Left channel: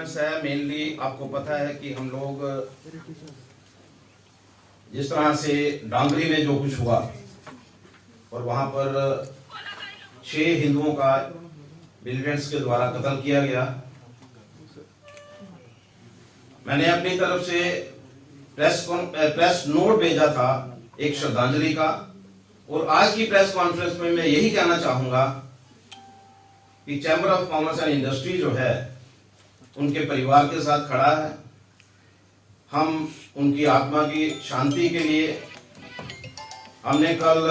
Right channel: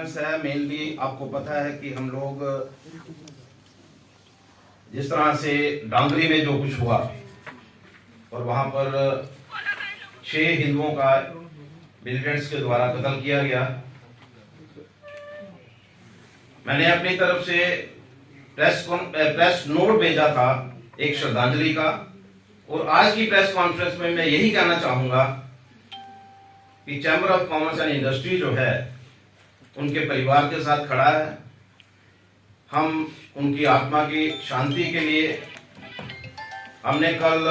Conference है, mainly आपको पता है कि हम लोग जिस तरह से डांगरी में जो कुछ हुआ और वहां पर 6 हिंदुओं का मिलिटेंट्स के द्वारा कत्ल किया गया, मैंने अपनी तरफ से प्रेस नोट भेजा था एक श्रद्धांजलि का। और आज की प्रेस कॉन्फ्रेंस में मैं यही कहना चाहूंगा कि chamber of commerce and industry जो है उनके परिवार के साथ खड़ा है। हम उनकी आत्मा की शांति के लिए हमने कल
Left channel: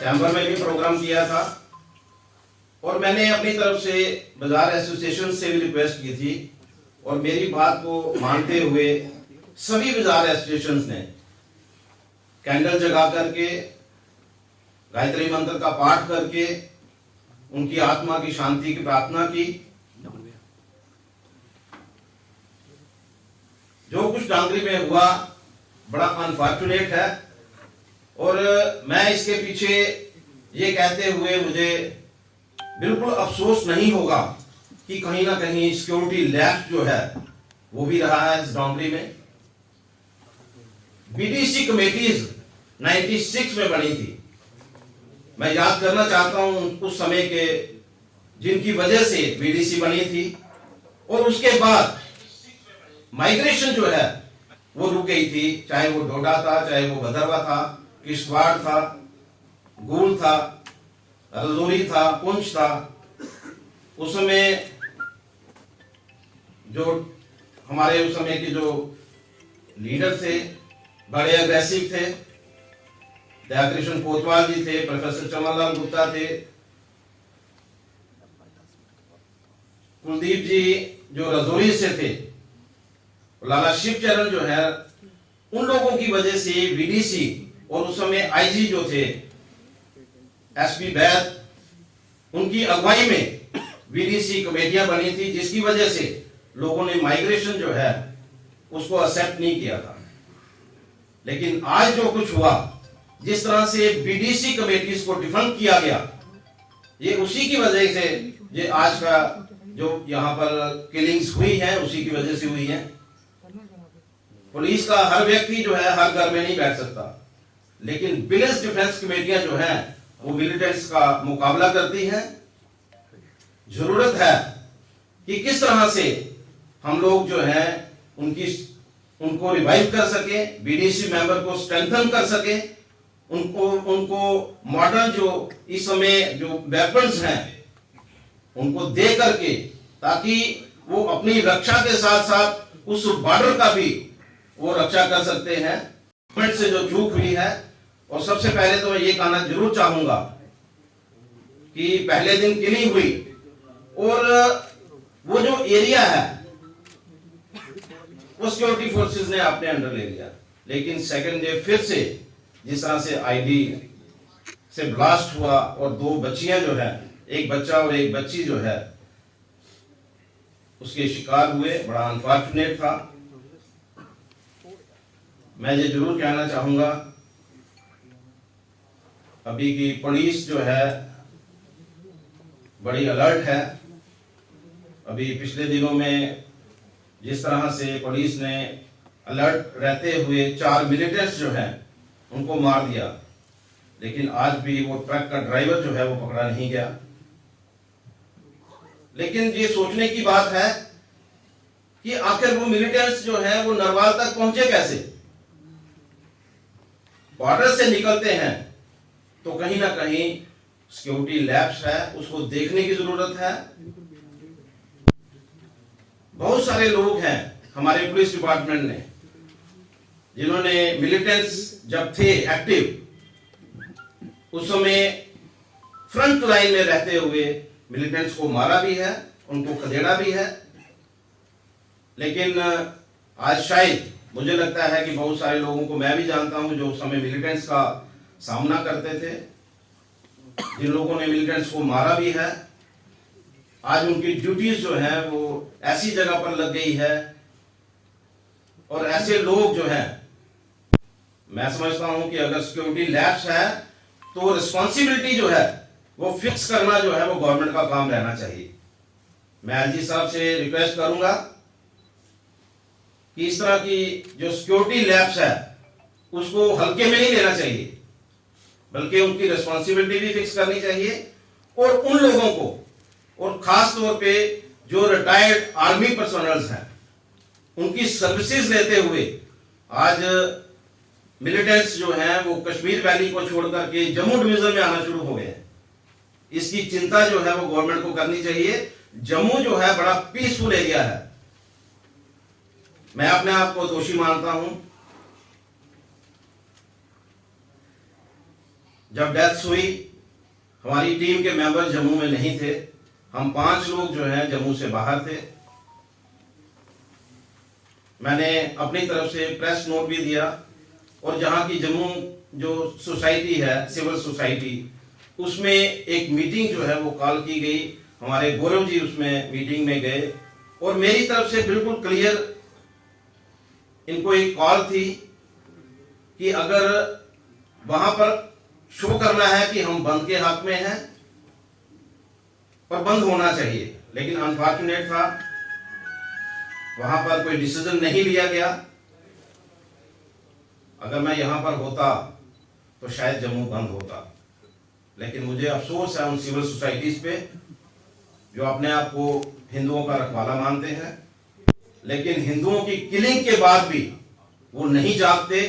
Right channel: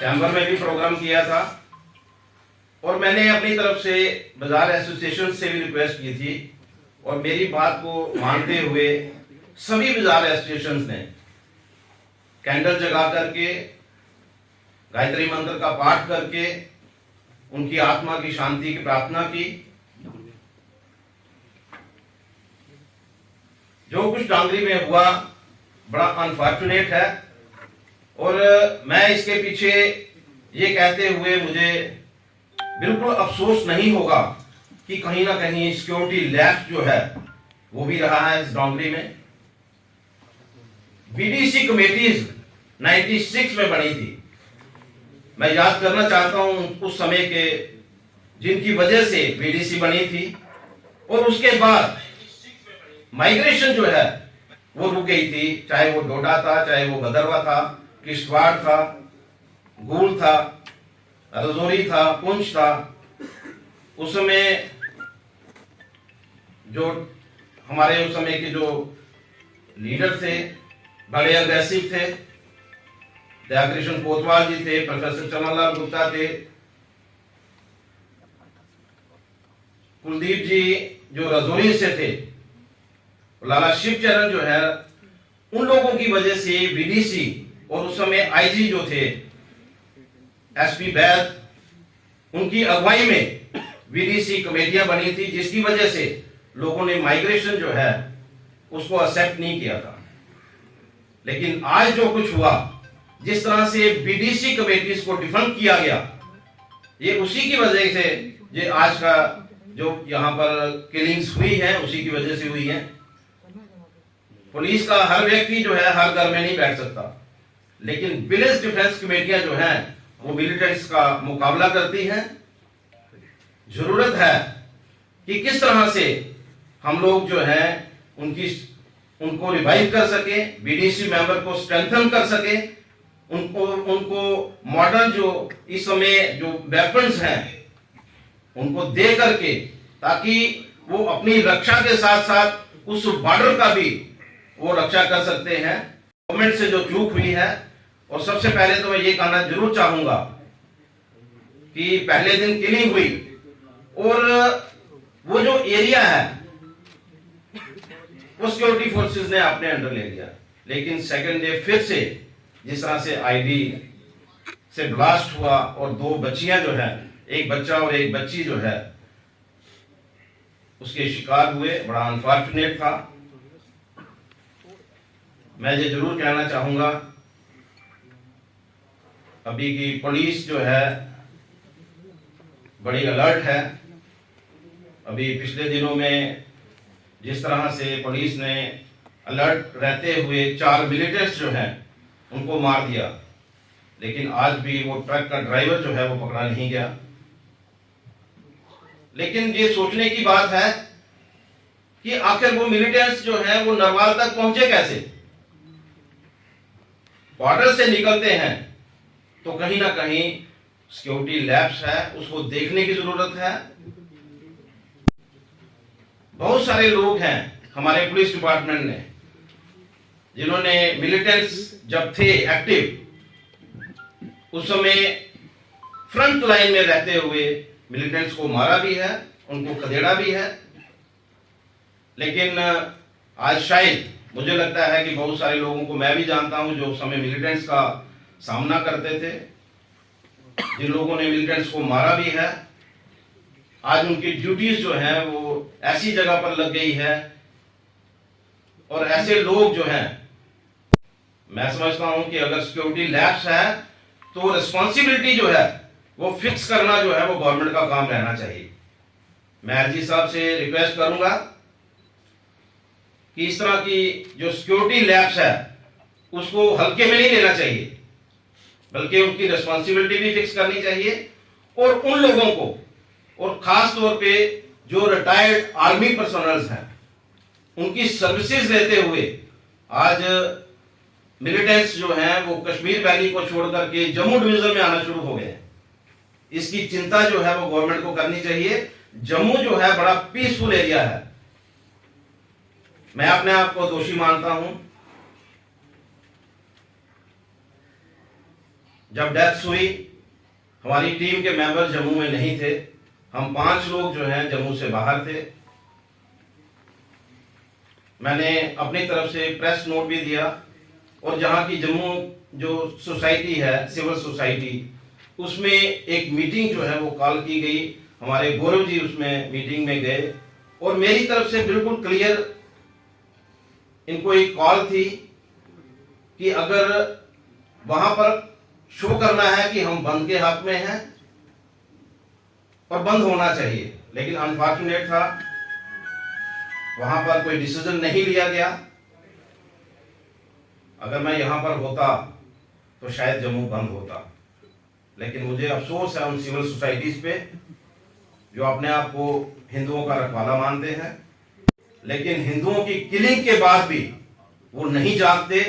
चैम्बर में भी प्रोग्राम किया था और मैंने अपनी तरफ से बाजार एसोसिएशन से भी रिक्वेस्ट की थी और मेरी बात को मानते हुए सभी बाजार एसोसिएशन ने कैंडल जगा करके गायत्री मंत्र का पाठ करके उनकी आत्मा की शांति की प्रार्थना की। जो कुछ डांगरी में हुआ बड़ा अनफॉर्चुनेट है और मैं इसके पीछे ये कहते हुए मुझे बिल्कुल अफसोस नहीं होगा कि कहीं ना कहीं सिक्योरिटी लैप्स जो है वो भी रहा है इस डांगरी में। बीडीसी कमेटीज 96 में बनी थी। मैं याद करना चाहता हूं उस समय के जिनकी वजह से बीडीसी बनी थी और उसके बाद माइग्रेशन जो है वो रुक गई थी, चाहे वो डोडा था, चाहे वो भदरवा था, किश्तवाड़ था, गूल था, रजौरी था, पुंछ था। उस समय जो हमारे उस समय के जो लीडर थे बड़े अग्रेसिव थे। दयाकृष्ण कोतवाल जी थे, प्रोफेसर चमनलाल गुप्ता थे, कुलदीप जी जो रजौरी से थे, लाला शिवचरण जो है, उन लोगों की वजह से बीडीसी और उस समय आईजी जो थे एसपी बैद, उनकी अगुवाई में बीडीसी कमेटियां बनी थी जिसकी वजह से लोगों ने माइग्रेशन जो है उसको एक्सेप्ट नहीं किया था। लेकिन आज जो कुछ हुआ, जिस तरह से बीडीसी कमेटीज को डिफंड किया गया, ये उसी की वजह से ये आज का जो यहाँ पर किलिंग्स हुई है उसी की वजह से हुई है। पुलिस का हर व्यक्ति जो है हर घर में नहीं बैठ सकता, लेकिन विलेज डिफेंस कमेटियां जो हैं वो मिलिटेंट्स का मुकाबला करती हैं। जरूरत है कि किस तरह से हम लोग जो हैं उनको रिवाइव कर सके, बीडीसी मेंबर को स्ट्रेंथन कर सके, उनको मॉडल जो इस समय जो वेपन्स हैं उनको दे करके, ताकि वो अपनी रक्षा के साथ साथ उस बॉर्डर का भी वो रक्षा कर सकते हैं। गवर्नमेंट से जो चूक हुई है, और सबसे पहले तो मैं ये कहना जरूर चाहूंगा कि पहले दिन किलिंग हुई और वो जो एरिया है वो सिक्योरिटी फोर्सेस ने अपने अंडर ले लिया, लेकिन सेकंड डे फिर से जिस तरह से आईडी से ब्लास्ट हुआ और 2 बच्चियां जो है, एक बच्चा और एक बच्ची जो है उसके शिकार हुए, बड़ा अनफॉर्चुनेट था। मैं ये जरूर कहना चाहूंगा अभी की पुलिस जो है बड़ी अलर्ट है। अभी पिछले दिनों में जिस तरह से पुलिस ने अलर्ट रहते हुए 4 मिलिटेंट्स जो हैं उनको मार दिया, लेकिन आज भी वो ट्रक का ड्राइवर जो है वो पकड़ा नहीं गया। लेकिन ये सोचने की बात है कि आखिर वो मिलिटेंट्स जो हैं वो नरवाल तक पहुंचे कैसे। बॉर्डर से निकलते हैं तो कहीं ना कहीं सिक्योरिटी लैप्स है, उसको देखने की जरूरत है। बहुत सारे लोग हैं हमारे पुलिस डिपार्टमेंट में जिन्होंने मिलिटेंट्स जब थे एक्टिव उस समय फ्रंट लाइन में रहते हुए मिलिटेंट्स को मारा भी है, उनको खदेड़ा भी है। लेकिन आज शायद मुझे लगता है कि बहुत सारे लोगों को, मैं भी जानता हूं जो उस समय मिलिटेंट्स का सामना करते थे, जिन लोगों ने मिलिटेंट्स को मारा भी है, आज उनकी ड्यूटीज जो हैं वो ऐसी जगह पर लग गई है। और ऐसे लोग जो हैं, मैं समझता हूं कि अगर सिक्योरिटी लैप्स है तो रिस्पॉन्सिबिलिटी जो है वो फिक्स करना जो है वो गवर्नमेंट का काम रहना चाहिए। मैं आईजी साहब से रिक्वेस्ट करूंगा कि इस तरह की जो सिक्योरिटी लैप्स है उसको हल्के में नहीं लेना चाहिए, बल्कि उनकी रिस्पॉन्सिबिलिटी भी फिक्स करनी चाहिए। और उन लोगों को, और खास तौर पे जो रिटायर्ड आर्मी पर्सनल्स हैं, उनकी सर्विसेज लेते हुए आज मिलिटेंट्स जो हैं वो कश्मीर वैली को छोड़ करके जम्मू डिवीजन में आना शुरू हो गए हैं। इसकी चिंता जो है वो गवर्नमेंट को करनी चाहिए। जम्मू जो है बड़ा पीसफुल एरिया है। मैं अपने आप को दोषी मानता हूं। जब डेथ हुई, हमारी टीम के मेंबर जम्मू में नहीं थे। हम 5 लोग जो हैं जम्मू से बाहर थे। मैंने अपनी तरफ से प्रेस नोट भी दिया, और जहां की जम्मू जो सोसाइटी है, सिविल सोसाइटी, उसमें एक मीटिंग जो है वो कॉल की गई। हमारे गौरव जी उसमें मीटिंग में गए, और मेरी तरफ से बिल्कुल क्लियर इनको एक कॉल थी कि अगर वहां पर शो करना है कि हम बंद के हक में हैं और बंद होना चाहिए, लेकिन अनफॉर्चुनेट था वहां पर कोई डिसीजन नहीं लिया गया। अगर मैं यहां पर होता तो शायद जम्मू बंद होता, लेकिन मुझे अफसोस है उन सिविल सोसाइटीज पे जो अपने आप को हिंदुओं का रखवाला मानते हैं, लेकिन हिंदुओं की किलिंग के बाद भी वो नहीं जागते।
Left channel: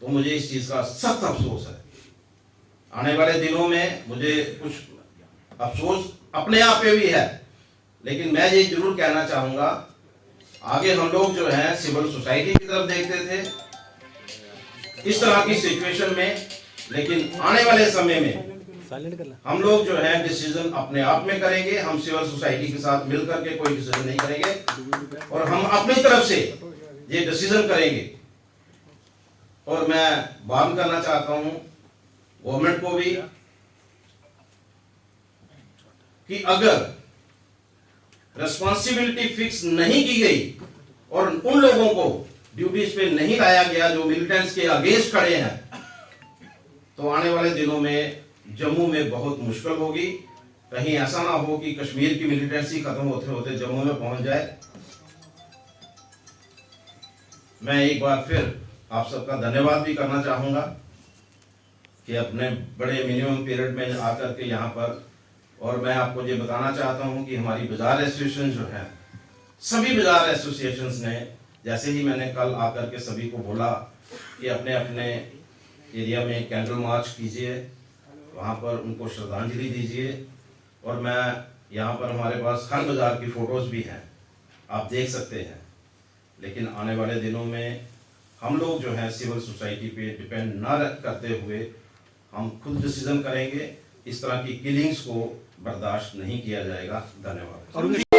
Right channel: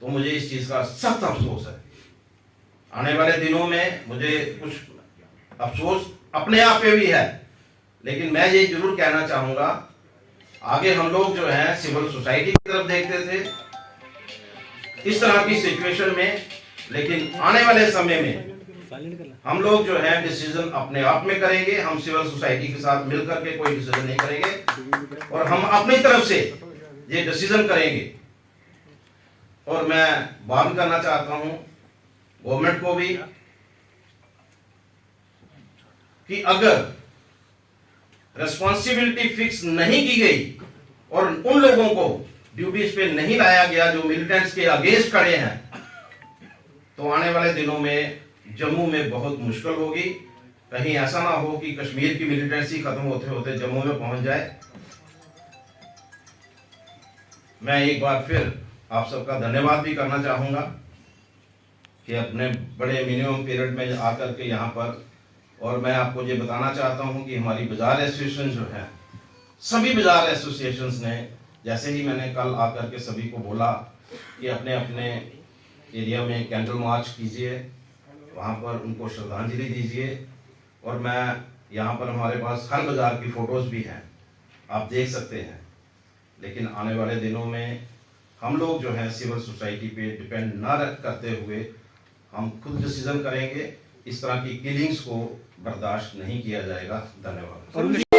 तो मुझे इस चीज का सख्त अफसोस है। आने वाले दिनों में मुझे कुछ अफसोस अपने आप पे भी है, लेकिन मैं ये जरूर कहना चाहूंगा, आगे हम लोग जो हैं सिविल सोसाइटी की तरफ देखते थे इस तरह की सिचुएशन में, लेकिन आने वाले समय में हम लोग जो है डिसीजन अपने आप में करेंगे। हम सिविल सोसाइटी के साथ मिलकर के कोई डिसीजन नहीं करेंगे, और हम अपनी तरफ से ये डिसीजन करेंगे। और मैं वार्न करना चाहता हूं गवर्नमेंट को भी कि अगर रिस्पॉन्सिबिलिटी फिक्स नहीं की गई और उन लोगों को ड्यूटीज पे नहीं लाया गया जो मिलिटेंट्स के अगेंस्ट खड़े हैं, तो आने वाले दिनों में जम्मू में बहुत मुश्किल होगी। कहीं ऐसा ना हो कि कश्मीर की मिलिटेंसी खत्म होते होते जम्मू में पहुंच जाए। मैं एक बार फिर आप सबका धन्यवाद भी करना चाहूंगा कि अपने बड़े मिनिमम पीरियड में आकर के यहाँ पर, और मैं आपको ये बताना चाहता हूँ कि हमारी बाजार एसोसिएशन जो है, सभी बाजार एसोसिएशंस ने, जैसे ही मैंने कल आकर के सभी को बोला कि अपने अपने एरिया में कैंडल मार्च कीजिए, वहाँ पर उनको श्रद्धांजलि दीजिए। और मैं यहाँ पर हमारे पास हर बाजार की फ़ोटोज़ भी हैं, आप देख सकते हैं। लेकिन आने वाले दिनों में हम लोग जो हैं सिविल सोसाइटी पे डिपेंड ना करते हुए हम खुद डिसीजन करेंगे। इस तरह की किलिंग्स को बर्दाश्त नहीं किया जाएगा। धन्यवाद।